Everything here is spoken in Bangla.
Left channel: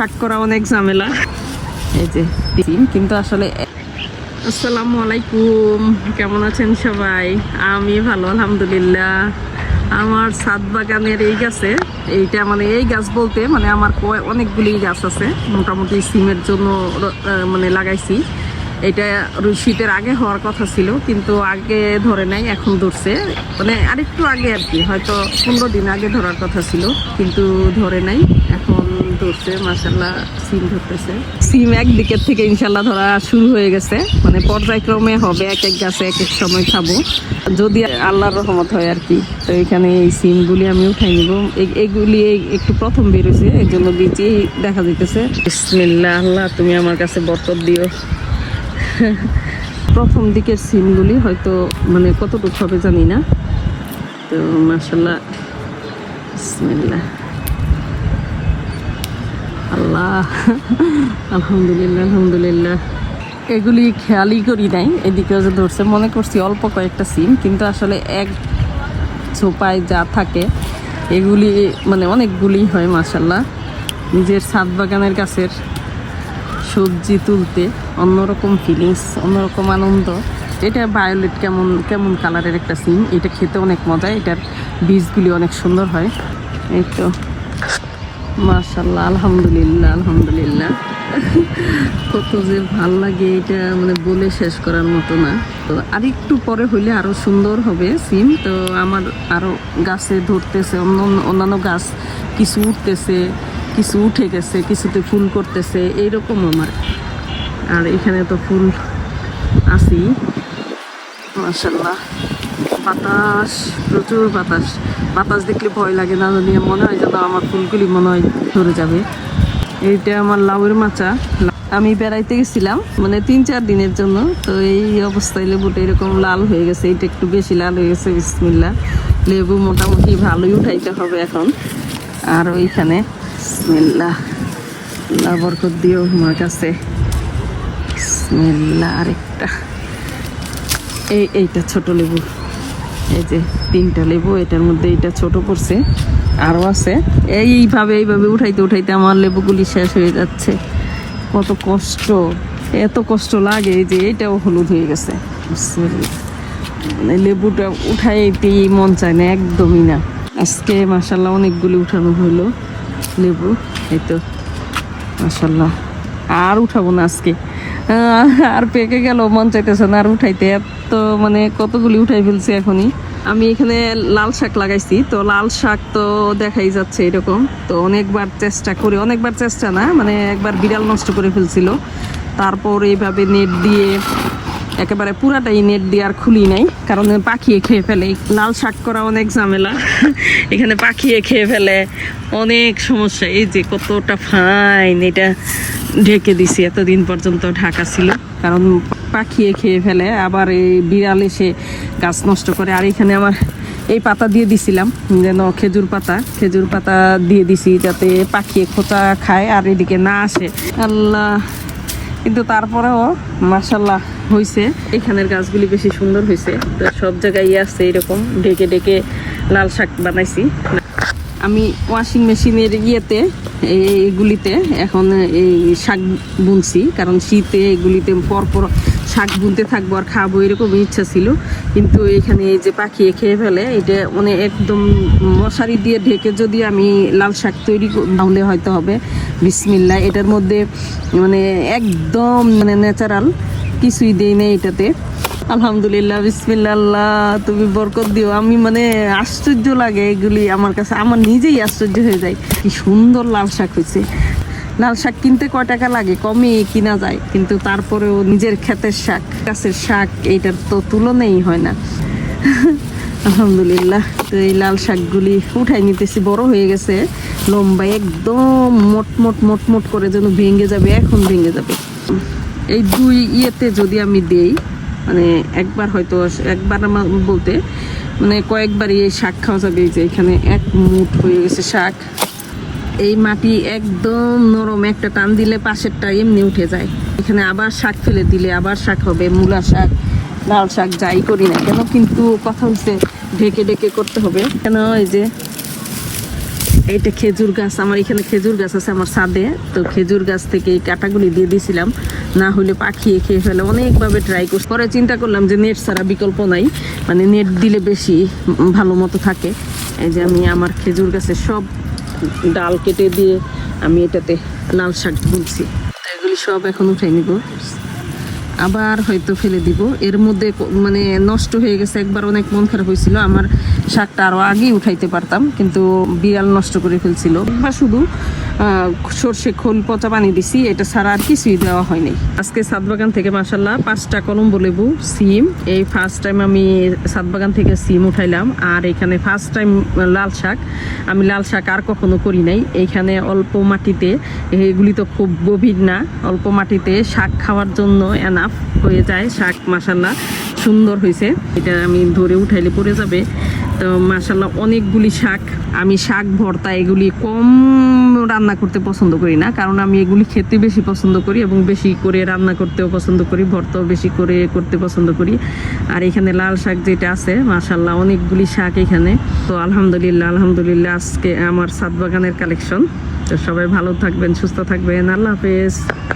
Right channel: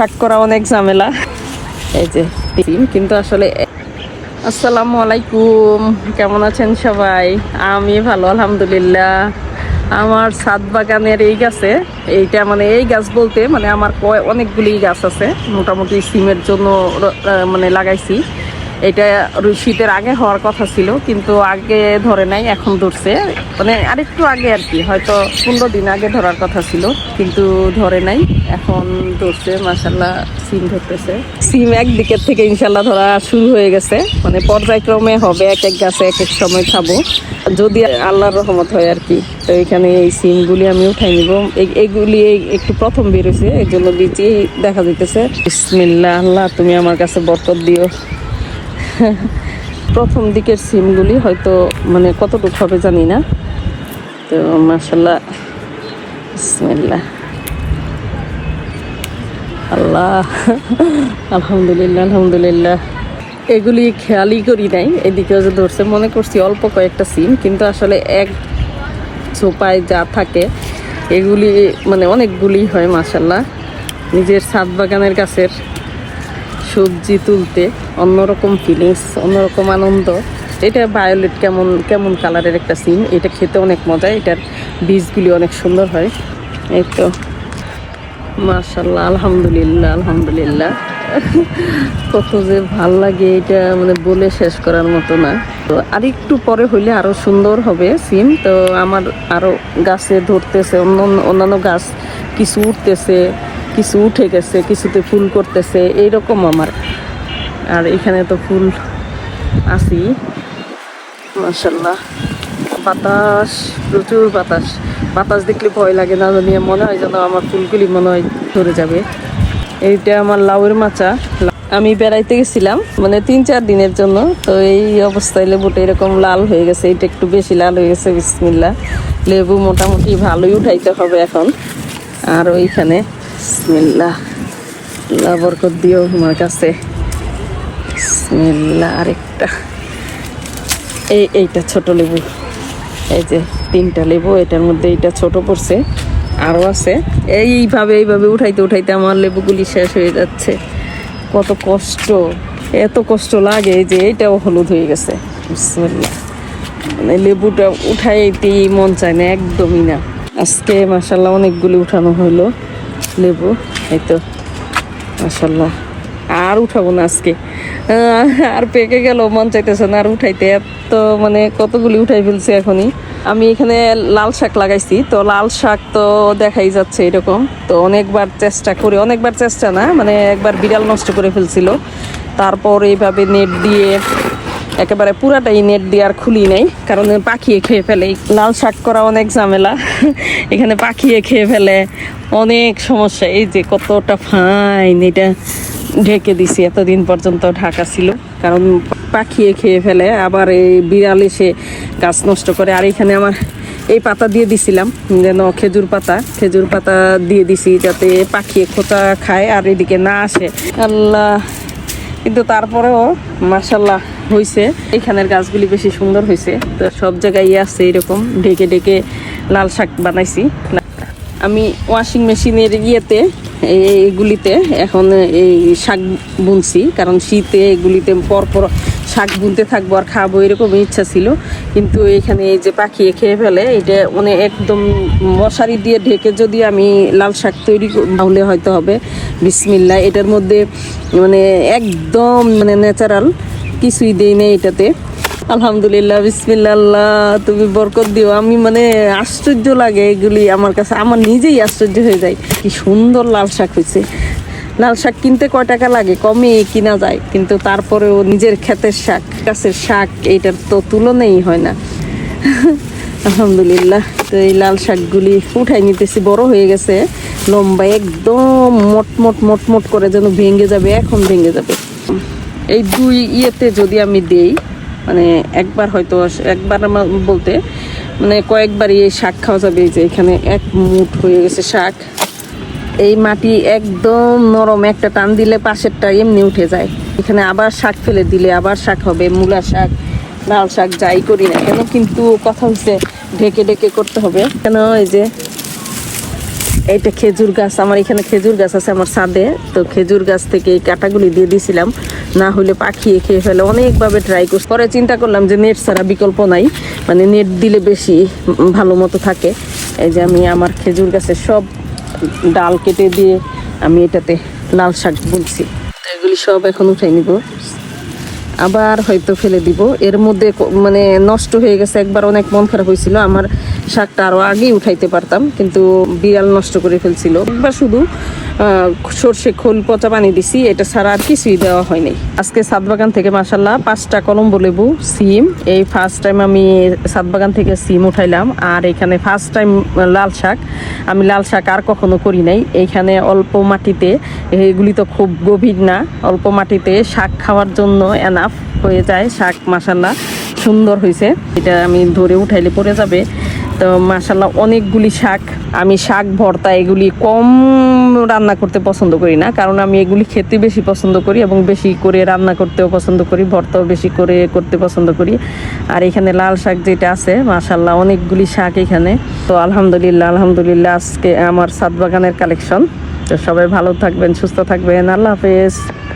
শাক করা অনেক ঝামেলা। এই যে কিন্তু আসলে আসসালামু আলাইকুম। কেমন আছেন সবাই? আমি ভালো, আলহামদুলিল্লাহ। আমার সাত বাগানের এই গাছে, এইটা মানে এই গাছ বলতে মানে আমার অনেকগুলি গাছ আছে। মোটামুটি সিমের জন্য মানে লাগাইছি। এটা শীতের আগে হওয়ার কথা ছিল, কিন্তু আগে ধরে নাই, এখন ধরছে। মানে আরেকটু আগে আর কি, হয়তো পনেরো দিন আগে ধরার কথা ছিল, কিন্তু ধরে নাই, এখন ধরছে মাসাল্লাহ সিম ধরতেছে। সিম একদিকের থেকে ইনশাল্লাহ ধরা শুরু হয়ে গেছে মানে পর্যায়ক্রমে হবে, এক এক গাছে এক এক সময় খাব। যদি আল্লাহর রহমত হয় আর কি, তো এখানে এই সিমগুলি আমি উঠাই নিব। এই- এইগুলি এই- একটু প্রথম বেরোছে এই জন্য বিচি দেখা যাইতেছে। বিসমিল্লাহ, আল্লাহ, তুমি আমার কাছে বরকত দিও। প্রথম দিকের সিমগুলি হয়তো মানে কতটুকু হবে জানি না। তো বিসমিল্লাহ। আল্লাহ, আলহামদুলিল্লাহ আলহামদুলিল্লাহ। এগুলি খেয়ালই করি নাই এদিকে ধরছে, মনে করছি অল্প কয়েকটা সিম, কিন্তু আসলে এক ছোপায় যা থাকে, এগুলি মানে অনেকগুলি হয় মাসাল্লাহ নিজের ছাদ বাগানের গাছের সবজি তুলতে অন্যরকম ফিলিংস অন্যরকম আনন্দ। এটা ভায়োলেট কেমন কেমন কালারের একটা সিম এটা খেতে অনেক মজা, এটার বীজগুলি অনেক সুন্দর হয়। এই তো মাশাল্লাহ আলহামদুলিল্লাহ আলহামদুলিল্লাহ। কত যে ভালো লাগে এটা মানে বলে শেষ করার মতো না। তো আর একটু পরে হইলে আরও সুন্দর হবে সিম তো আমার আরও গাছে ধরতেছে অন্য অন্যান্য গাছ কিছু উঠতেছে। কিছু উঠে গেছে, কিছুতে ফুল করতেছে, এইরকম আমার। আর এখানে তো ফুল আছি। মাশাল্লাহ বাতাস, প্রচুর বাতাস। বাতাস দেখলে ভয় লাগে না, জানি, মনে হয় যেন আমার ফুলগুলি মনে হয় ধরে যাবে। এইটা আমার লাউয়ের মাচা। আমি বেড়াইতে গেছিলাম মানে তিন চার দিনের জন্য। তো এই অবস্থায় লেবুটা এরকম লাল হয়ে গেছে এটা একটু বেশি লাল হয়ে গেছে বিসমিল্লা লেবু মোটামুটি ভালোই উঠাইতে হবে এখন। আর ওইখানে বিসমিল্লা আল্লাহ বরকত দিও আমার কাছে। বিসমিল্লা আরেকটা। এই এইটা ছোট লেবু। এই যে তিনটা লেবু, এটার মধ্যে এইটা ছোট পড়ছে। আরও আছে। এইভাবে এইভাবে উঠাইতে উঠাইতে আমার লেবুগুলি শেষ হয়ে যাচ্ছে। কত কষ্ট, এত কষ্ট লাগে যে এইটাও হলুদ হয়ে গেছে। বিসমিল্লাহ। মানে লেবুটা উঠাইতেই মন চায় না, একদমই না। আজকে মাসাল্লাহ অনেকগুলি উঠানো হলো। লেবু, এই তো মাসাল্লাহ আর উঠাবো না আজকে। আর পেকে গেল, মন চাইতেছে না আর উঠাইতে। এত মানে কতগুলি উঠাই ফেলছে এখনই। আমি এখানে লাল শাক লাগাইছি, তো লাল শাক তো দেখাই যাচ্ছে এরকম। তো অনেকবার চেষ্টা করে, অনেকবার চেষ্টা না মানে একবার বিড়াল নষ্ট করে ফেলছিল। তারপর এইভাবে নেট দিয়ে একেবারে পুরাটাই নেট দিয়ে আর খুলি নাই, কারণ পাখিয়ে খেয়ে ফেলে। লাল শাক করা অনেক ঝামেলা, এখানে পাখিয়ে খেয়ে ফেলে। অনেক সমস্যা, এই যে কতটা ফাইন এটা ঢেকে দিছি এতদিন পর্যন্ত ঢাকা ছিল, কারণ পাখিয়ে খেয়ে ফেলে, আবার এই বিড়াল এসে গাছ নষ্ট করে, আর এখানে আমার এই পাতা দিয়ে দিছিলাম, যেন খেজুর পাতা খেজুর পাতা দিয়ে দিছি যাতে পাখিয়ে খোঁচা খায় আর এদিকে না আসে। আল্লাহ, কিন্তু তারপরেও মাসাল্লাহ হয়েছে এখানের গাছগুলি বেশি সুন্দর হয়েছে তো সব জায়গায় আছে এরকম। ঢেকে ঢেকে লাল শাক বানাইছি। আমি ওয়াশিং মেশিনের ইয়েতে এগুলিতে এখন এই শাক বুনছি। কারণ শীতে এগুলিতে পরপর শাক বুনতে থাকব আর খাব এরকম ইচ্ছা ছিল। কিন্তু এখানে এই যে পাখি খেয়ে ফেলে, এটা মানে একদম মশারি দিয়ে ঢেকে যদি আমি লাল শাক তৈরি তাহলে হয়তো হবে। বিসমিল্লা এটার মধ্যে মানে একদম মানে ন্যাচারাল কিছুই দেই নেই এটাতে। আলহামদুলিল্লাহ বিসমিল্লা তুমি বরকত দিও। আমি মানে আশ্চর্য লাগে এগুলি আমার কাছে, আমার নিজেই আশ্চর্য হয়ে যায়। কি সুন্দর লাল শাক হয়েছে। লাল শাক কিনতে কয় টাকা লাগে? কমে কিনা যায়, কিন্তু তারপরেও নিজের ক্ষেতের শাক, গাছের শাক, এইটার তো তুলনাই হয় না। আলহামদুলিল্লাহ, তো এই লাল শাকগুলি উঠাই নিতেছি, বড় হয়ে গেছে। লম্বা একদম মোট মোট মোট মোট করে যেন ভেঙে যাবে, এখন ভেঙে যাবে। এই দুই ইয়েতে যদি আমি দেই মানে একবার হয়তো একবার আমার বলতে মানে কয়েকবারই এই শাক খাওয়া যাবে, এই যে এখানে এক মুঠ হয়ে গেছে শাক। এই মাটি একদম নরম, একটা টান দিলে পাশেরটা এমনি উঠে যায়। এখানে আবার শাক ফেলে দিলে আবার শাক হবে, মূলা শাক, লাল শাক যাই করি না কেন, কিন্তু কথা হচ্ছে ঢেকে ঢেকে করতে হবে। কেন, এই যে এইটা খেজুর গাছ, আমার এখানে খেজুর গাছ আছে, আমার ছাদে। তো খেজুর গাছ থেকে এই কাটাগুলি দিয়ে দিয়েছিলাম না হলে পাখিয়ে খেয়ে ফেলে। অনেকভাবে ট্রাই করছি। পরে চিন্তা করলাম যে নেট ছাড়া বিকল্প নাই। মানে নেট দিলে বেশি ভালো মতো থাকে। এই যে আমি আমার খেজুর গাছের সব ডাল কেটে দিয়ে আমি এটাতে লাল শাক বলছি এগুলি সব এখন উঠাই নিব। আবার হয়তো ফেলে দিব। এর মধ্যে মানে নষ্ট হয়ে গেছে। একবার অনেক মন খারাপ হয়েছিল। আমার শাকটা আরও আগেই উঠাইতে পারতাম, কিন্তু বিড়াল নষ্ট করে ফেলছিল। একবার শুধু সর্ষে খোল, পচা পানি দিছি, এটা ছাড়া আর কিছুই দেওয়া হয়নি আজকে সাত বাগান থেকে মাসাল্লাহ পাঁচটা কলম্বো লেবু, সিম। এই ফার্স্ট টাইম আমি সাত বাগান থেকে সিম উঠাইলাম, আর এখানে ফার্স্ট টাইম লাল শাক। আমি লাল শাক আর কখনো করি নাই। এইখানে অল্প মাটিতে, এগুলি তো খুব গভীর না, অল্প মাটিতে শাক খাওয়ার জন্য এনাফ হয়ে যায়। শাক মাসাল্লাহ সুন্দর হয়েছে এটা আমি ধরে উঠাইলে পড়ে যাবে। তো মাসাল্লাহ অনেকগুলি শাক। আমি শাক, ভর্তা এগুলি কম রান্না করতে পছন্দ করি না, কারণ আমি এগুলি খেতে বেশি পছন্দ করি এবং বেশি করে রান্না করতেও পছন্দ করি, ভর্তাও বেশি করে করতে পছন্দ করি। আর এখানে লাল শাক যেটা আছে মাসাল্লাহ অনেকগুলি শাক এখানে। তো আলহামদুলিল্লাহ আলহামদুলিল্লাহ আজকে আমার সাত বাগানের কালেকশন। তো সবাই ভালো থাকবেন, সুস্থ থাকবেন। আল্লাহ হাফেজ।